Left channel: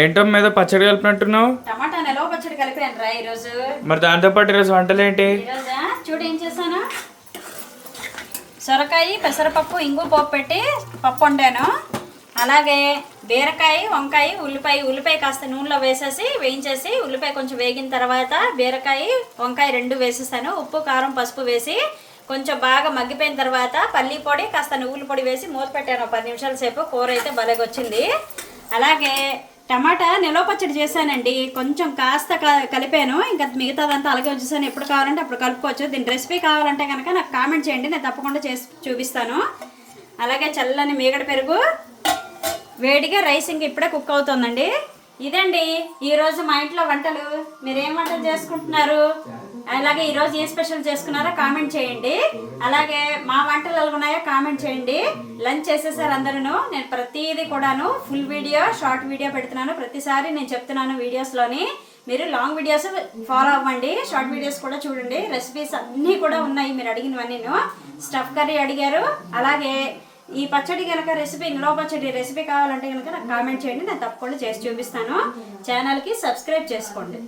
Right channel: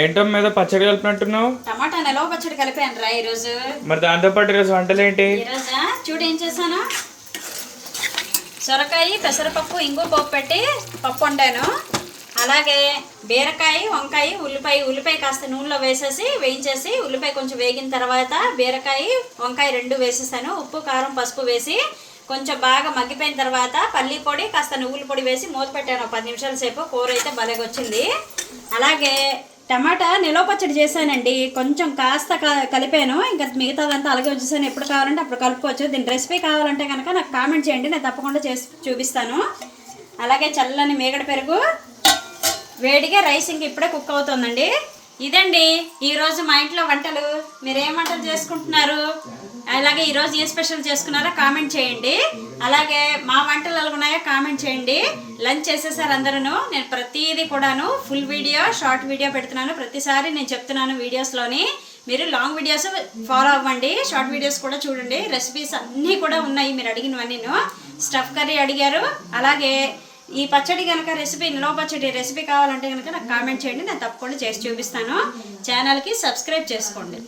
ఏంటో మీద పచ్చడి కలిపినట్టున్నావు? టమాటా నిలవ పచ్చడి కలిపాను రా ఈరోజు. మరి దాంతో పాటు ఈరోజు వంటలు ఏంటి? ఈరోజు చూడు ఏం చేశాను, సొరకాయ పెసరపప్పు ఇంగు పోపు పెట్టి పప్పు వండాను. అలాగే బీరకాయ వంకాయ ఉల్లిపాయ కాస్త నూనెలో వేయించేసి ఉల్లిపాయ కొంచెం వేగిన తర్వాత బీరకాయ వంకాయ రెండు వేసేసాను. ఉప్పు కారం పసుపు వేసి కొంచెం బాగా మగ్గిపోయిన తర్వాత పల్లి పొడి కాస్త నువ్వుల పొడి వేసి మూత పెట్టాను 10 నిమిషాల సేపు. కూర అయితే భలేగా వచ్చింది. అలాగే టమాటా నిలవ పచ్చడి చేశానండి, కొంచెం కాస్త కలిపాను. ఇంకా మిగతాదంతా అలాగే వచ్చేసాను. ఎప్పుడు కావాలంటే అప్పుడు కలుపుకోవచ్చు. దీని రెసిపీ కావాలంటే కనుక నాకు కామెంట్ చేయండి, నేను తప్పకుండా చేసి చూపిస్తాను. అలాగే చల్లని మీగడ పెరుగు, వేడిగా రైస్ ఇంక ఇప్పుడే కుక్ అవుతుందండి. ఇదండి ఈరోజు మా ఇంట్లో వంటలు. మీరు ఏం వంటలు చేసుకుంటున్నారు, అలాగే ఈరోజు ఏ స్పెషల్ చేసుకున్నారో కామెంట్ చేయండి. అలాగే మా వంటలు ఎలా ఉన్నాయో కామెంట్ చేయండి. లంచ్ చేసేసారు అందరూ. నేను ప్రతిదీ కూడాను ఫుల్ వీడియో షార్ట్ వీడియో పెడుతున్నాను. ప్రతిసారి నేను చెప్తున్నాను వీడియోస్లోని, మీరు లాంగ్ వీడియోస్ ఫాలో అవ్వండి, షార్ట్ వీడియోస్ కూడా చూడండి. రెసిపీస్ అన్నీ కూడా ఉన్నాయి మీరు అడిగినవన్నీ. స్టఫ్ కర్రీ అడిగారు. అలాగే ఈ పచ్చడి కనుక రెసిపీ, నిలవ పచ్చడి రెసిపీ కావాలంటే కనుక నాకు కామెంట్ చేయండి, నేను తప్పకుండా చేసి చూపిస్తాను. ఛానల్కి సబ్స్క్రైబ్ చేసుకోండి.